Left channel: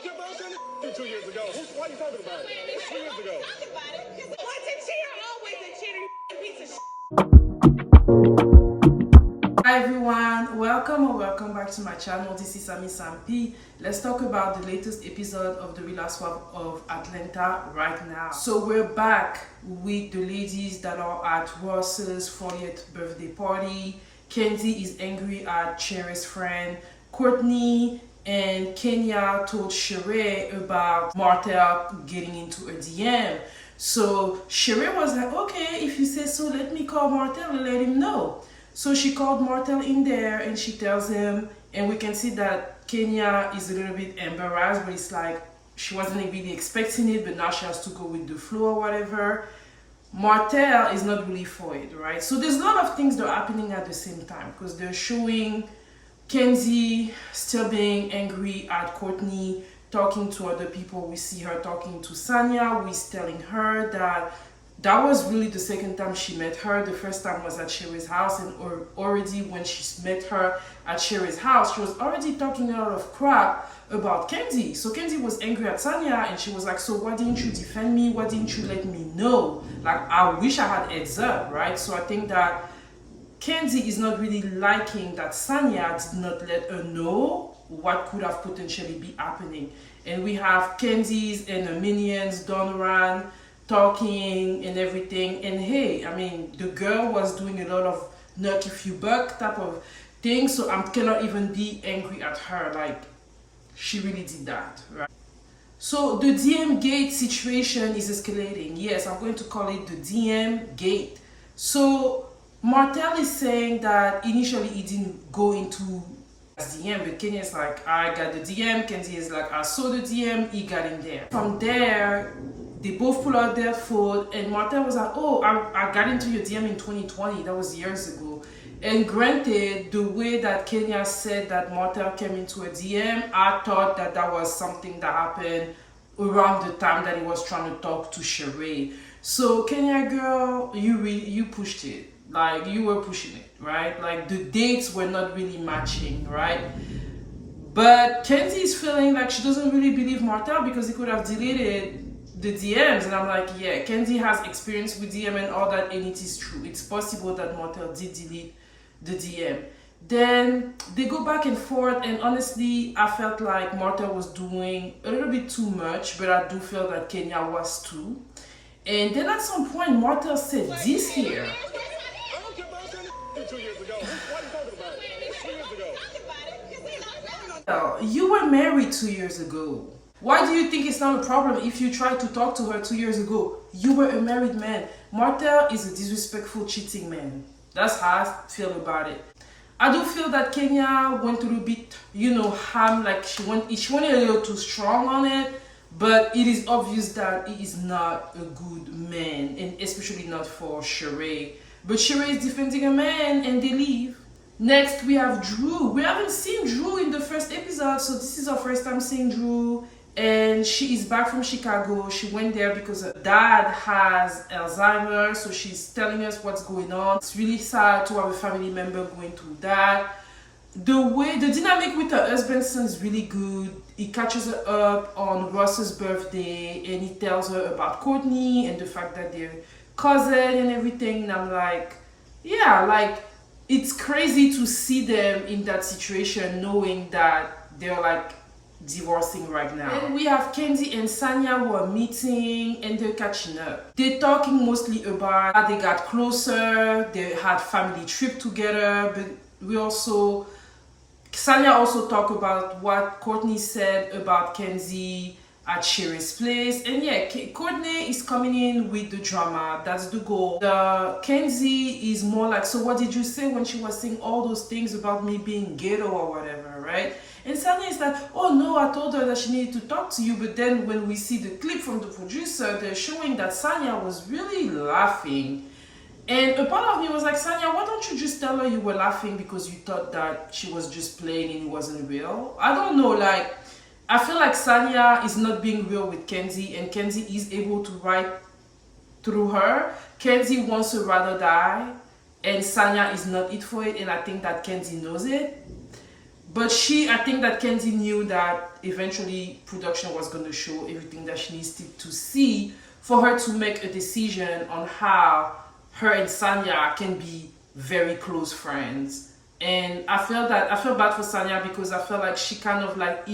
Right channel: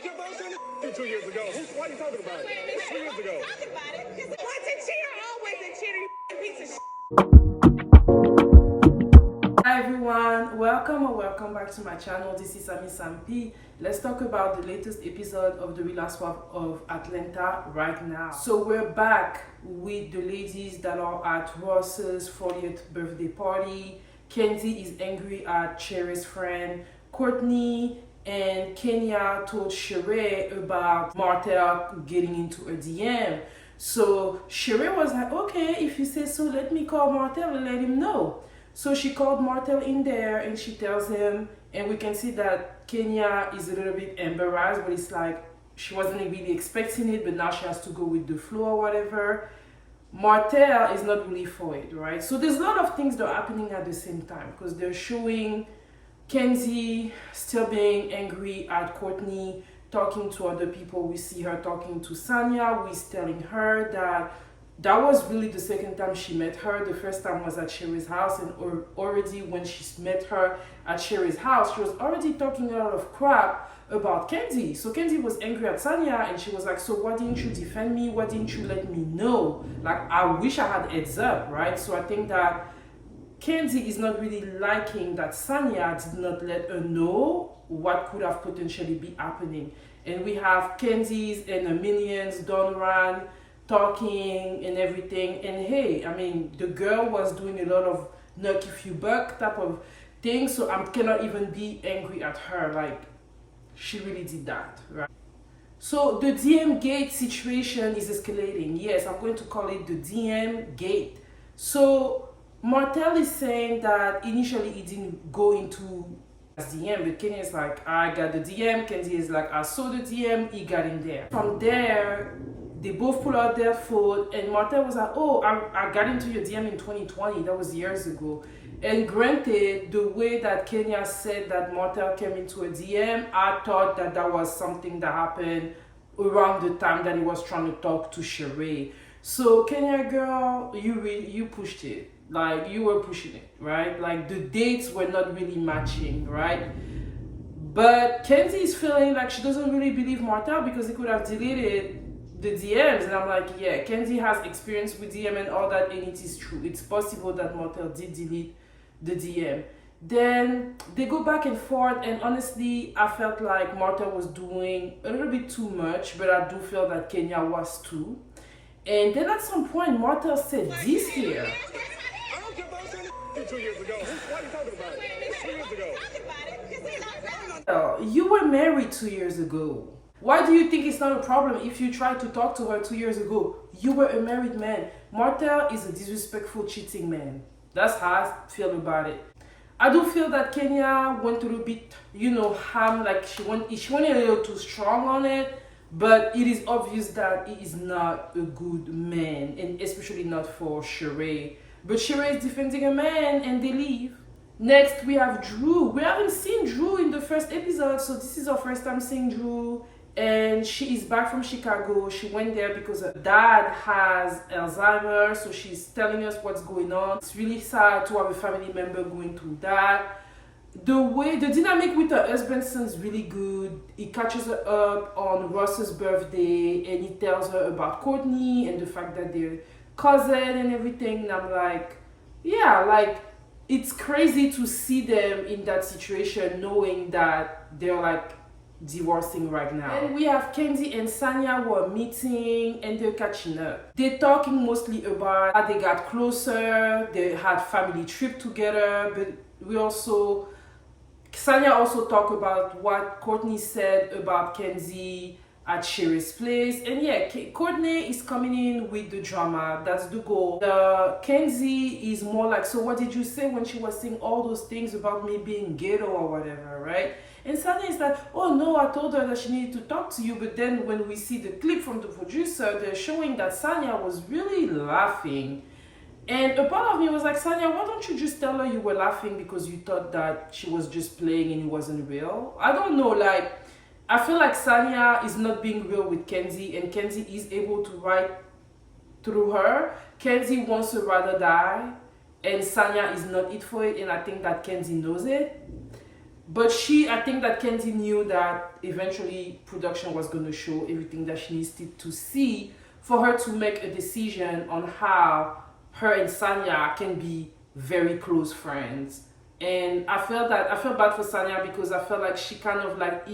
don't care about that 2 years ago. Why are you talking about it? It's 2 years ago. Talk about it, because once a cheater, always a cheater, you piece of shit. Hi everyone, welcome or welcome back to my channel. This is Sanya. Let's talk about the latest episode of the Real Housewives of Atlanta right now. So we're back with the ladies that are at Ross's 40th birthday party. Kandi is angry at Sheree's friend Courtney, and Kenya told Sheree about Martell getting into a DM. So Sheree was like, okay, if you say so, let me call Martell and let him know. So she called Martell in there and she tells him, and we can see that Kenya is a little bit embarrassed, but it's like she wasn't really expecting it, but now she has to go with the flow or whatever. Martell is not really for it, right? So there's a lot of things that are happening at the same time, because they're showing Kandi still being angry at Courtney, talking to other people. We see her talking to Sanya, who is telling her that was really the second time she met her. The first time was at Sheree's house, and already when she met her at Sheree's house, she was already talking a lot of crap about Kandi. So Kandi was angry at Sanya, and she was like, so why didn't you defend me? Why didn't you let me know? Like, I wish I had heads up, right? So I think that Kandi is not really liking that Sanya did not let her know what could have potentially be happening. And we have Kandi's and her minions, Donovan, talking and everything. And hey, I mean, the girl was doing a lot of knock if you buck type of thing, so I cannot even be angry at her. Like, she really did that, right? So the DM gate situation is escalating. Yes, I'm going to call it the DM gate. So Martell is saying that initially he didn't go into DM, but Kenya is like, I got the DM. Kandi is like, I saw the DM, he got in there. From there, they both pull out their phone, and Martell was like, oh, I got into your DM in 2020. That was years ago. And granted, the way that Kenya said that Martell came into a DM, I thought that was something that happened around the time that he was trying to talk to Sheree. So Kenya girl, you pushed it. Like, you were pushing it, right? Like, the dates were not really matching, right? But Kandi is feeling like she doesn't really believe Martell because he could have deleted the DMs, and I'm like, yeah, Kandi has experience with DM and all that, and it is true. It's possible that Martell did delete the DM. Then they go back and forth, and honestly, I felt like Martell was doing a little bit too much, but I do feel that Kenya was too. And then at some point, Martell said this here. I don't care about that 2 years ago. Why are you talking about it? It's 2 years ago. Talk about it, because You were married 2 years ago. Why do you think it's not a problem if you tried to talk to her 2 years ago? You were a married man. Martell is a disrespectful, cheating man. That's how I feel about it. I do feel that Kenya went a little bit, ham, like she went a little too strong on it. But it is obvious that he is not a good man, and especially not for Sheree. But Sheree is defending a man, and they leave. Next, we have Drew. We haven't seen Drew in the first episode, so this is our first time seeing Drew. And she is back from Chicago. She went there because her dad has Alzheimer's, so she's telling us what's going on. It's really sad to have a family member going through that. The dynamic with her husband sounds really good. He catches her up on Ross's birthday, and he tells her about Courtney and the fact that they're cousin and everything. And I'm like, yeah, like, it's crazy to see them in that situation, knowing that they're like divorcing right now. And we have Kandi and Sanya who are meeting, and they're catching up. They're talking mostly about how they got closer, they had family trip together, but Sanya also talked about what Courtney said about Kandi at Sheree's place. And yeah, Courtney is coming in with the drama. That's the goal. Kandi is more like, so what did you say when she was saying all those things about me being ghetto or whatever, right? And Sanya is like, oh no, I told her that she needed to talk to you. But then when we see the clip from the producer, they're showing that Sanya was really laughing. And a part of me was like, Sanya, why don't you just tell her you were laughing because you thought that she was just playing and it wasn't real? I don't know, like, I feel like Sanya is not being real with Kandi, and Kandi is able to write through her. Kandi wants to rather die, and Sanya is not it for it, and I think that Kandi knows it. But I think that Kandi knew that eventually production was going to show everything that she needs to see for her to make a decision on how her and Sanya can be very close friends. And I feel bad for Sanya because I feel like she kind of like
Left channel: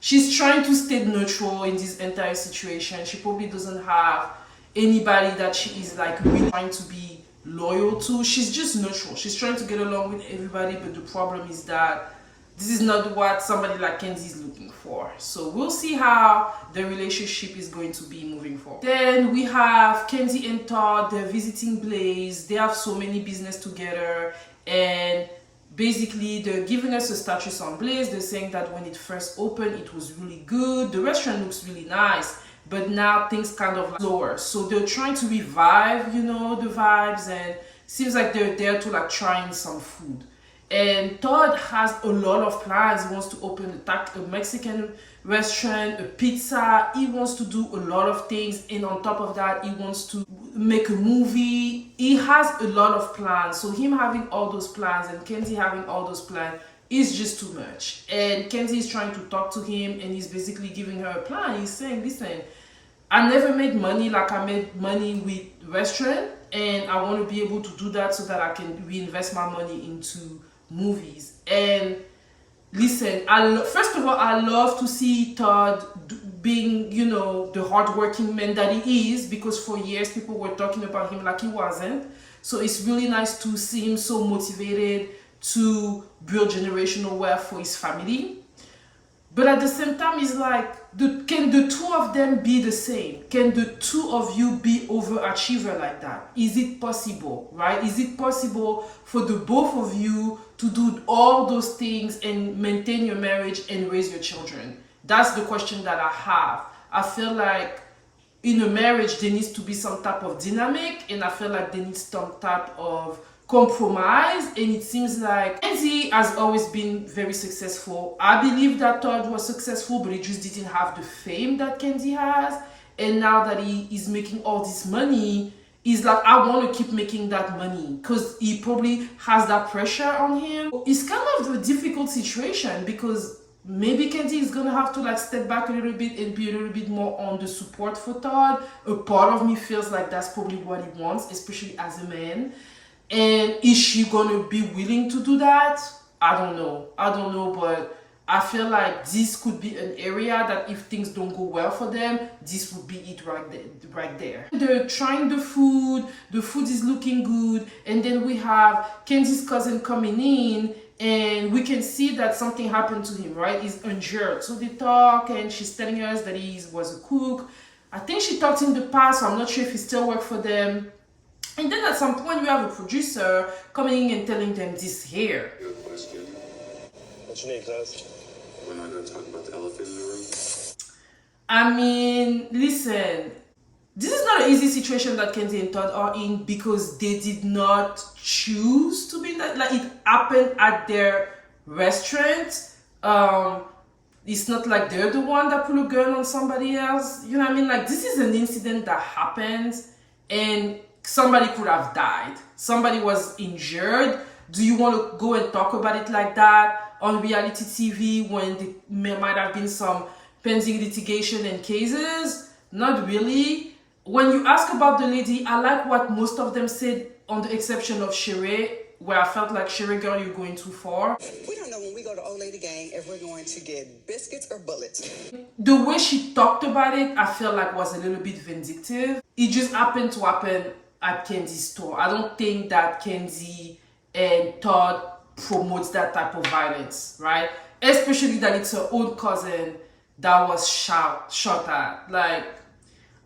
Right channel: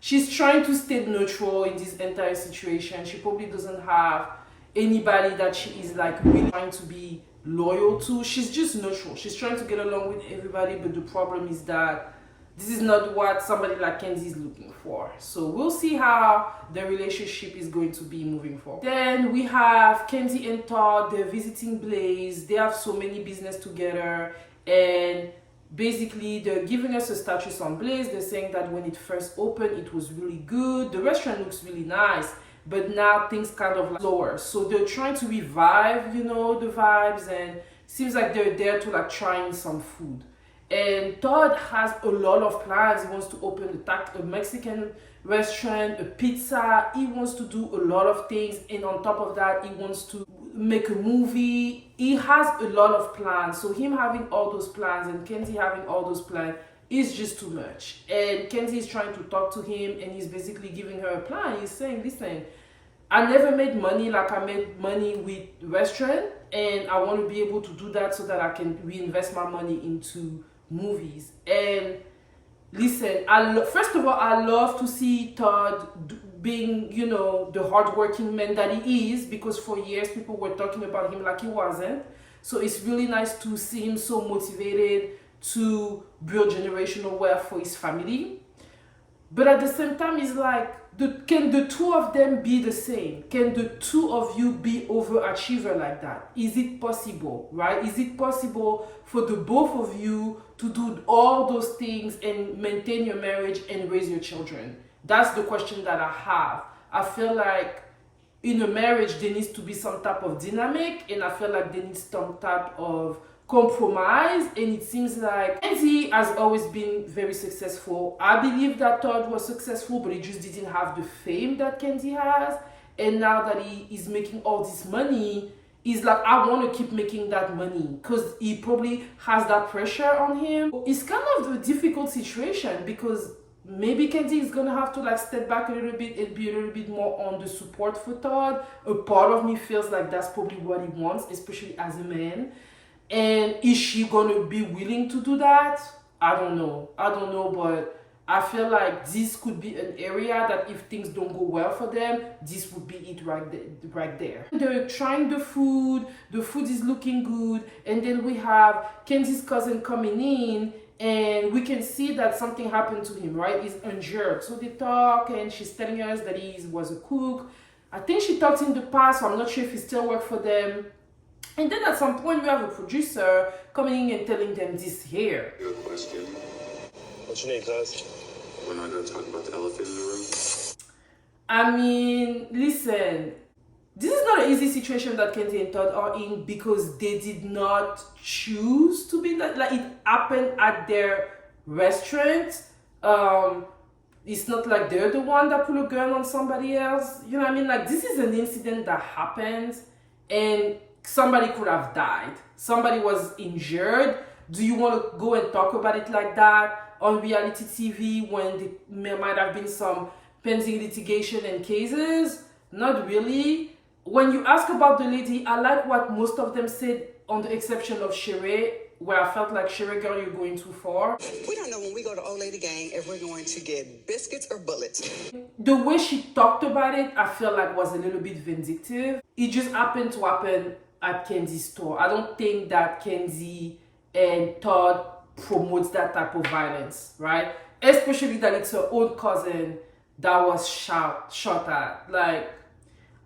she's trying to stay neutral in this entire situation. She probably doesn't have anybody that she is like really trying to be loyal to. She's just neutral. She's trying to get along with everybody, but the problem is that this is not what somebody like Kandi is looking for. So we'll see how the relationship is going to be moving forward. Then we have Kandi and Todd. They're visiting Blaze. They have so many business together, and basically they're giving us a status on Blaze. They're saying that when it first opened, it was really good. The restaurant looks really nice, but now things kind of like slower. So they're trying to revive, the vibes, and seems like they're there to like trying some food. And Todd has a lot of plans. He wants to open a Mexican restaurant, a pizza. He wants to do a lot of things. And on top of that, he wants to make a movie. He has a lot of plans. So him having all those plans and Kandi having all those plans is just too much. And Kandi is trying to talk to him, and he's basically giving her a plan. He's saying, listen, I never made money like I made money with restaurant, and I want to be able to do that so that I can reinvest my money into movies. And listen, first of all, I love to see Todd being, the hardworking man that he is, because for years people were talking about him like he wasn't. So it's really nice to see him so motivated to build generational wealth for his family. But at the same time, it's like, can the two of them be the same? Can the two of you be overachiever like that? Is it possible, right? Is it possible for the both of you to do all those things and maintain your marriage and raise your children? That's the question that I have. I feel like in a marriage, there needs to be some type of dynamic, and I feel like there needs some type of compromise. And it seems like Kandi has always been very successful. I believe that Todd was successful, but he just didn't have the fame that Kandi has. And now that he is making all this money, he's like, I want to keep making that money, because he probably has that pressure on him. It's kind of a difficult situation, because maybe Kandi is gonna have to like step back a little bit and be a little bit more on the support for Todd. A part of me feels like that's probably what he wants, especially as a man. And is she gonna be willing to do that? I don't know, but I feel like this could be an area that if things don't go well for them, this would be it right there. They're trying the food is looking good, and then we have Kandi's cousin coming in, and we can see that something happened to him, right? He's injured. So they talk, and she's telling us that he was a cook. I think she talked in the past, so I'm not sure if he still works for them. And then at some point, you have a producer coming in and telling them this here. Good question. What's your name, cuz? We're not going to talk about the elephant in the room. I mean, listen, this is not an easy situation that Kandi and Todd are in, because they did not choose to be in that. Like, it happened at their restaurant. It's not like they're the one that put a gun on somebody else. You know what I mean? Like, this is an incident that happened, and somebody could have died. Somebody was injured. Do you want to go and talk about it like that on reality TV when there might have been some pending litigation and cases? Not really. When you ask about the lady, I like what most of them said, on the exception of Sheree, where I felt like, Sheree, girl, you're going too far. We don't know when we go to Old Lady Gang if we're going to get biscuits or bullets. The way she talked about it, I felt like was a little bit vindictive. It just happened to happen at Kandi's store. I don't think that Kandi and Todd promotes that type of violence, right? Especially that it's her own cousin that was shot at. Like,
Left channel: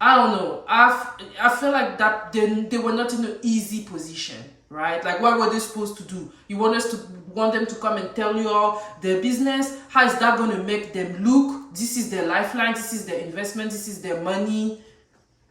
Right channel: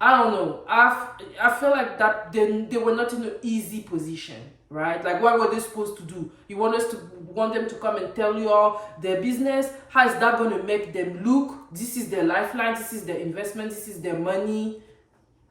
I don't know. I feel like that they were not in an easy position, right? Like, what were they supposed to do? You want them to come and tell you all their business? How is that going to make them look? This is their lifeline. This is their investment. This is their money.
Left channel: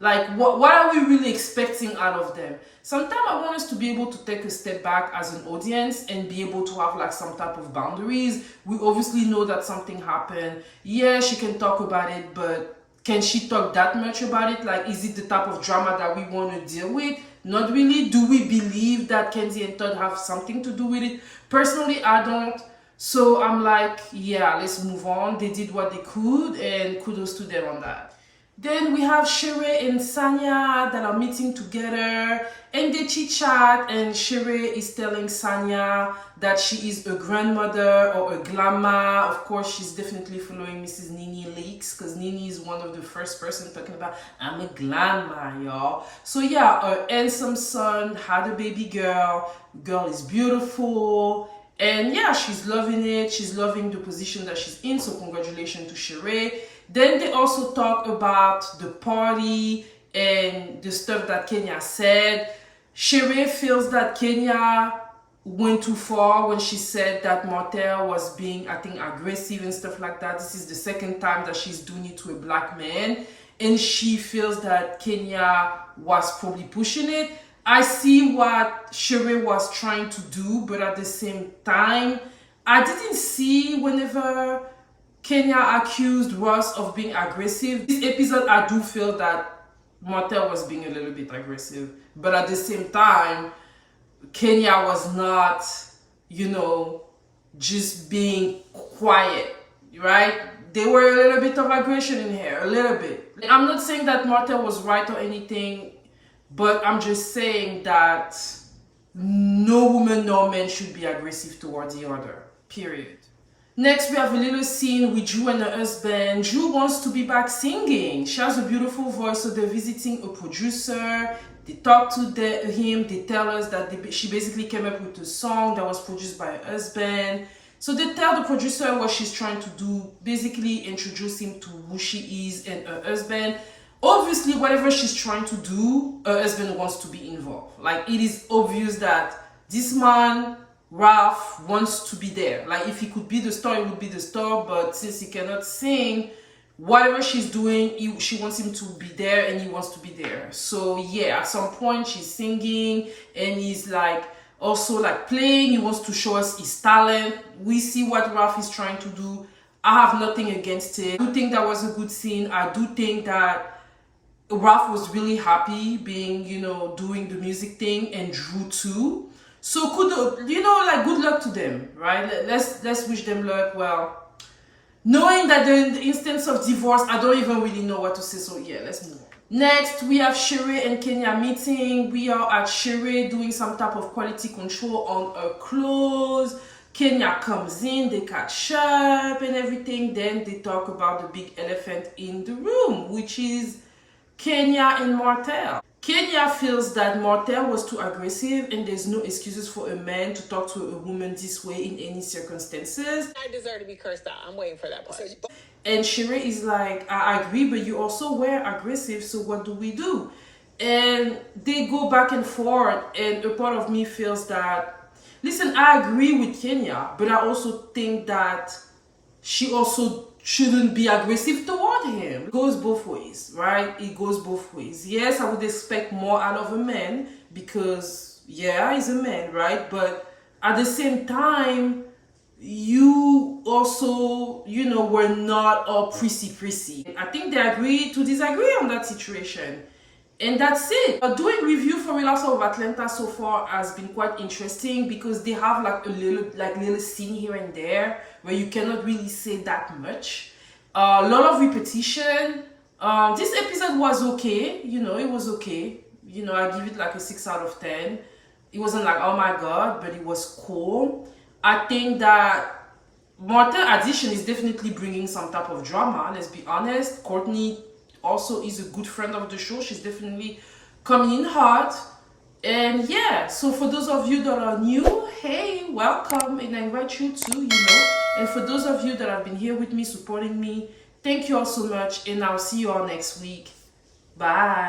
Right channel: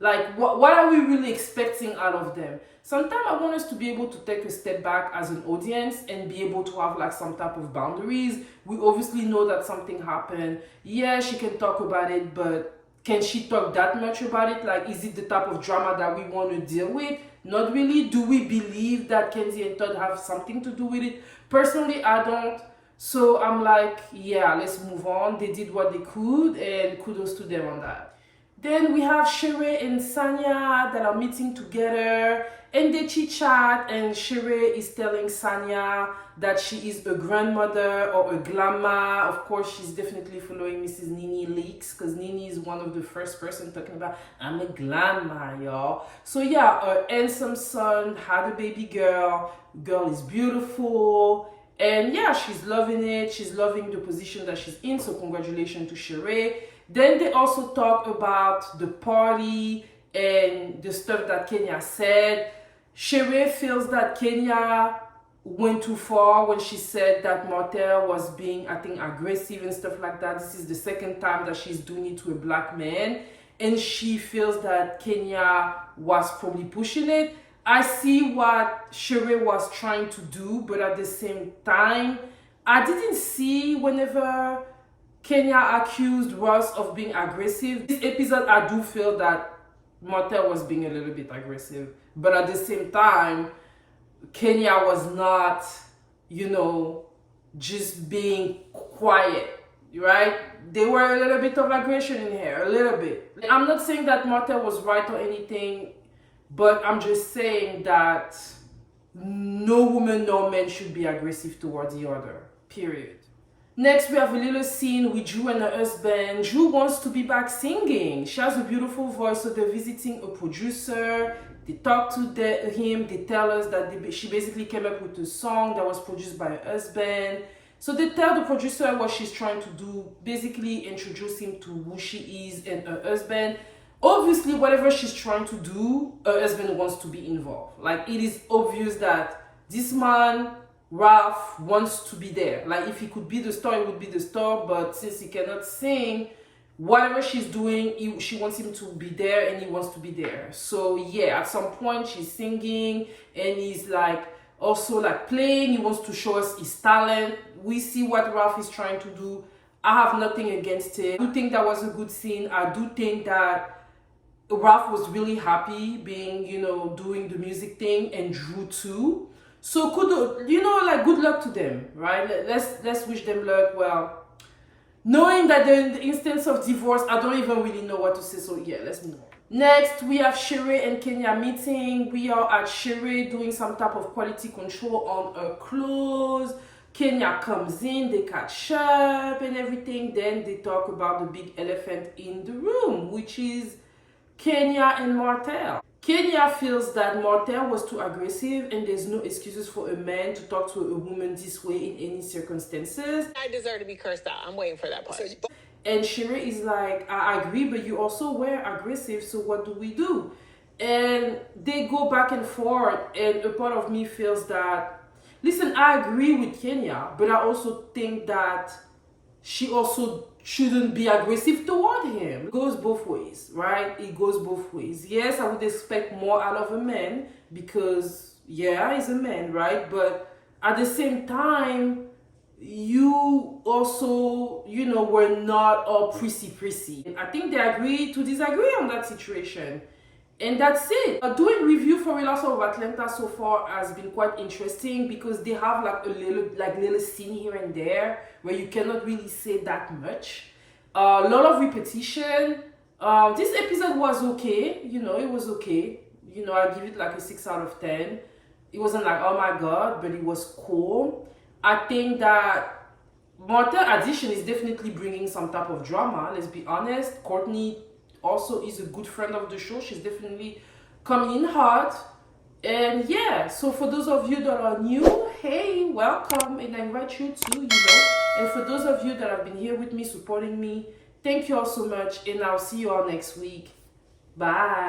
Like, what are we really expecting out of them? Sometimes I want us to be able to take a step back as an audience and be able to have like some type of boundaries. We obviously know that something happened. Yeah, she can talk about it, but can she talk that much about it? Like, is it the type of drama that we want to deal with? Not really. Do we believe that Kandi and Todd have something to do with it? Personally, I don't. So I'm like, yeah, let's move on. They did what they could, and kudos to them on that. Then we have Sheree and Sanya that are meeting together, and they chit chat, and Sheree is telling Sanya that she is a grandmother or a grandma. Of course, she's definitely following Mrs. Nene leaks, because Nene is one of the first person talking about, I'm a grandma, y'all. So yeah, a handsome son had a baby girl. Girl is beautiful. And yeah, she's loving it. She's loving the position that she's in. So congratulations to Sheree. Then they also talk about the party and the stuff that Kenya said. Sheree feels that Kenya went too far when she said that Martell was being, I think, aggressive and stuff like that. This is the second time that she's doing it to a black man. And she feels that Kenya was probably pushing it. I see what Sheree was trying to do, but at the same time, I didn't see whenever Kenya accused Ross of being aggressive. This episode, I do feel that Martell was being a little bit aggressive. But at the same time, Kenya was not, just being quiet, right? There were a little bit of aggression in here, a little bit. I'm not saying that Martell was right or anything, but I'm just saying that no woman, no man should be aggressive towards the other, period. Next, we have a little scene with Drew and her husband. Drew wants to be back singing. She has a beautiful voice, so they're visiting a producer. They talk to him. They tell us that she basically came up with a song that was produced by her husband. So they tell the producer what she's trying to do, basically introduce him to who she is and her husband. Obviously, whatever she's trying to do, her husband wants to be involved. Like, it is obvious that this man, Ralph, wants to be there. Like, if he could be the star, he would be the star. But since he cannot sing, whatever she's doing, she wants him to be there, and he wants to be there. So yeah, at some point she's singing, and he's like also like playing. He wants to show us his talent. We see what Ralph is trying to do. I have nothing against it. I do think that was a good scene. I do think that Ralph was really happy being, doing the music thing, and Drew too. So good luck to them, right? Let's wish them luck. Well, knowing that in the instance of divorce, I don't even really know what to say. So yeah, let's move on. Next, we have Sheree and Kenya meeting. We are at Sheree doing some type of quality control on her clothes. Kenya comes in, they catch up and everything. Then they talk about the big elephant in the room, which is Kenya and Martell. Kenya feels that Martell was too aggressive, and there's no excuses for a man to talk to a woman this way in any circumstances. I deserve to be cursed out. I'm waiting for that part. And Sheree is like, I agree, but you also were aggressive, so what do we do? And they go back and forth, and a part of me feels that, listen, I agree with Kenya, but I also think that she also shouldn't be aggressive toward him. It goes both ways, right? It goes both ways. Yes, I would expect more out of a man because, yeah, he's a man, right? But at the same time, you also, were not all prissy. I think they agreed to disagree on that situation. And that's it. Doing review for Real Housewives of Atlanta so far has been quite interesting because they have like a little scene here and there where you cannot really say that much. A lot of repetition. This episode was okay. It was okay. I give it like a 6 out of 10. It wasn't like, oh my god, but it was cool. I think that Martell addition is definitely bringing some type of drama. Let's be honest. Courtney also is a good friend of the show. She's definitely coming in hot. And yeah, so for those of you that are new, hey, welcome, and I invite you to, and for those of you that have been here with me, supporting me, thank you all so much, and I'll see you all next week. Bye.